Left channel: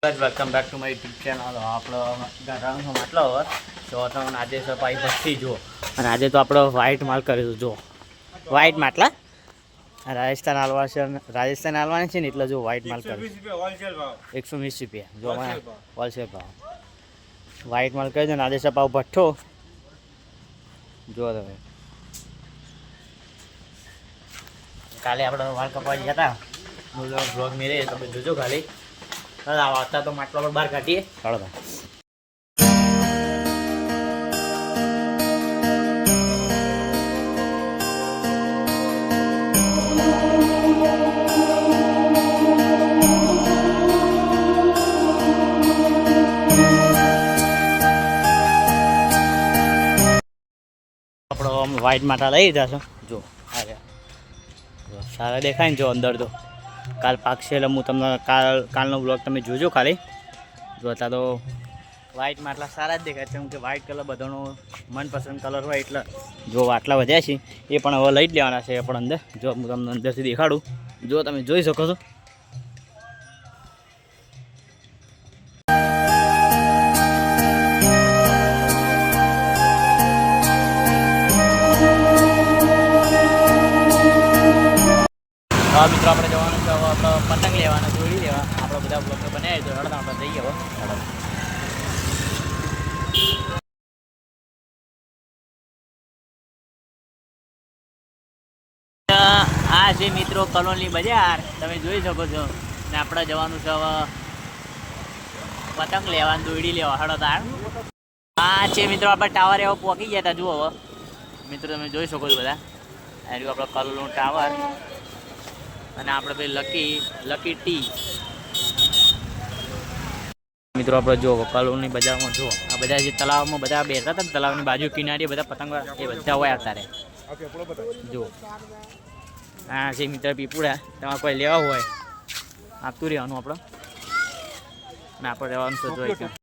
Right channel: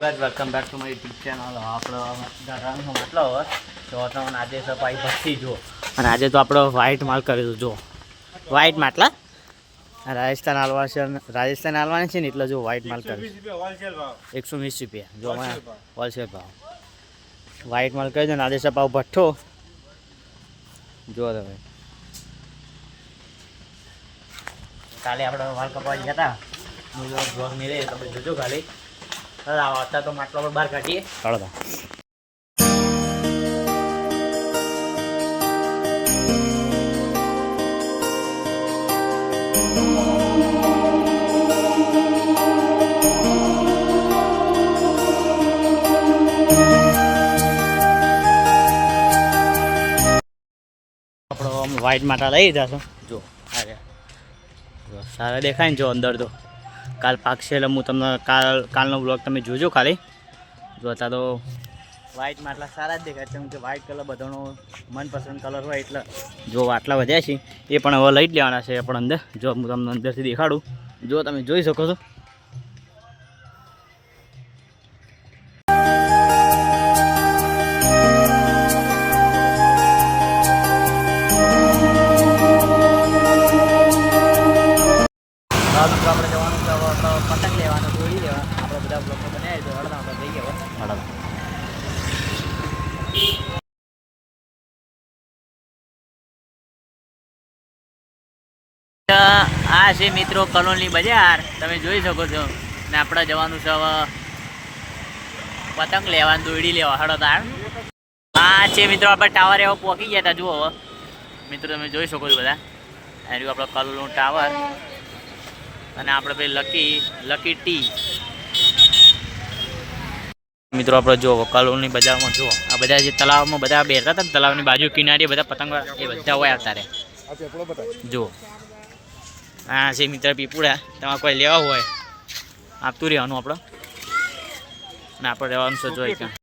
Welcome back to my YouTube channel. આપણો ઘરનો માટલો હવે તો તમને આજે સફાઈ ભરતી જુઓ. અને આજે તો આપણો વ્હાઇટ માલ કર્યો જુઓ. વ્હાઇટ માટલા રાજસ્થાન હાલવા છે, રાજસ્થાન હાલવાની છે ને એટલે જો વ્હાઇટ માલ કર્યો 120 રૂપિયા જો હોલસેલ ભાવ વ્હાઇટ માલ કરી દો ને આજે સપાવ ભઠ્ઠો જુઓ તમે. કાલે આપણે વાળ કપાવા ગયા હતા બ્લોગ મેરે તમે જોજો ખાલી. આવતા તો માટલા પર બહાર કાઢીએ. ચાલો આપણો વ્હાઇટ માટા લઈ લીધા છો જો સારા દેખાય ને જો અંદર તો કાલ પાકશે એટલે હું તમને કાલનો બ્લોગ તમે જોજો ખાલી. જોતા તો વ્હાઇટ માટલા સારા જ દેખાય છે કેમ કે વ્હાઇટ કલર બધાનો મનપસંદ કલર હોય એટલે જો આટલા વધ્યા છે એ પણ હવે લઈ જ લેવાના છે પણ અંદર જો હું તમને અંદરથી દેખાડું જો તમે જોઈ શકો છો. મિત્રો આપણે જવાનું છે હવે આપણો પતંગ લેવાનો દોડી લેવા આપણે બધા બ્લોગને બનાવી તો હળદા આપણે જઈએ હવે હળદા. આ છે મિત્રો કલોલની બજાર તમે જોઈ શકો છો ને આપણે જવાનું છે હવે પતંગ લેવા દોડી લેવા હળદા. આ છે મિત્રો આપણે ટાવર એવો પહોંચી ગયા હતા જુઓ હવે મિત્રો તમે જોઈ શકો છો બધા. આ રહ્યું આપણે કલોલનું ટાવર અને આપણે ભાઈ લકી ટી. મિત્રો આપણે જો કલોલની બજારમાં જો આ બધા જે તલાવમાં બધા બેઠા હતા ને તલાવની બાજુ કિનારી બધા પતંગ એ બધા હોય આવતા રહે જો. હા છે મિત્ર પીપુડા તમારે કોઈ લેવા હોય આપતું રહેવાનું આપણે અને આપણે રહેવાનું છે જોઈ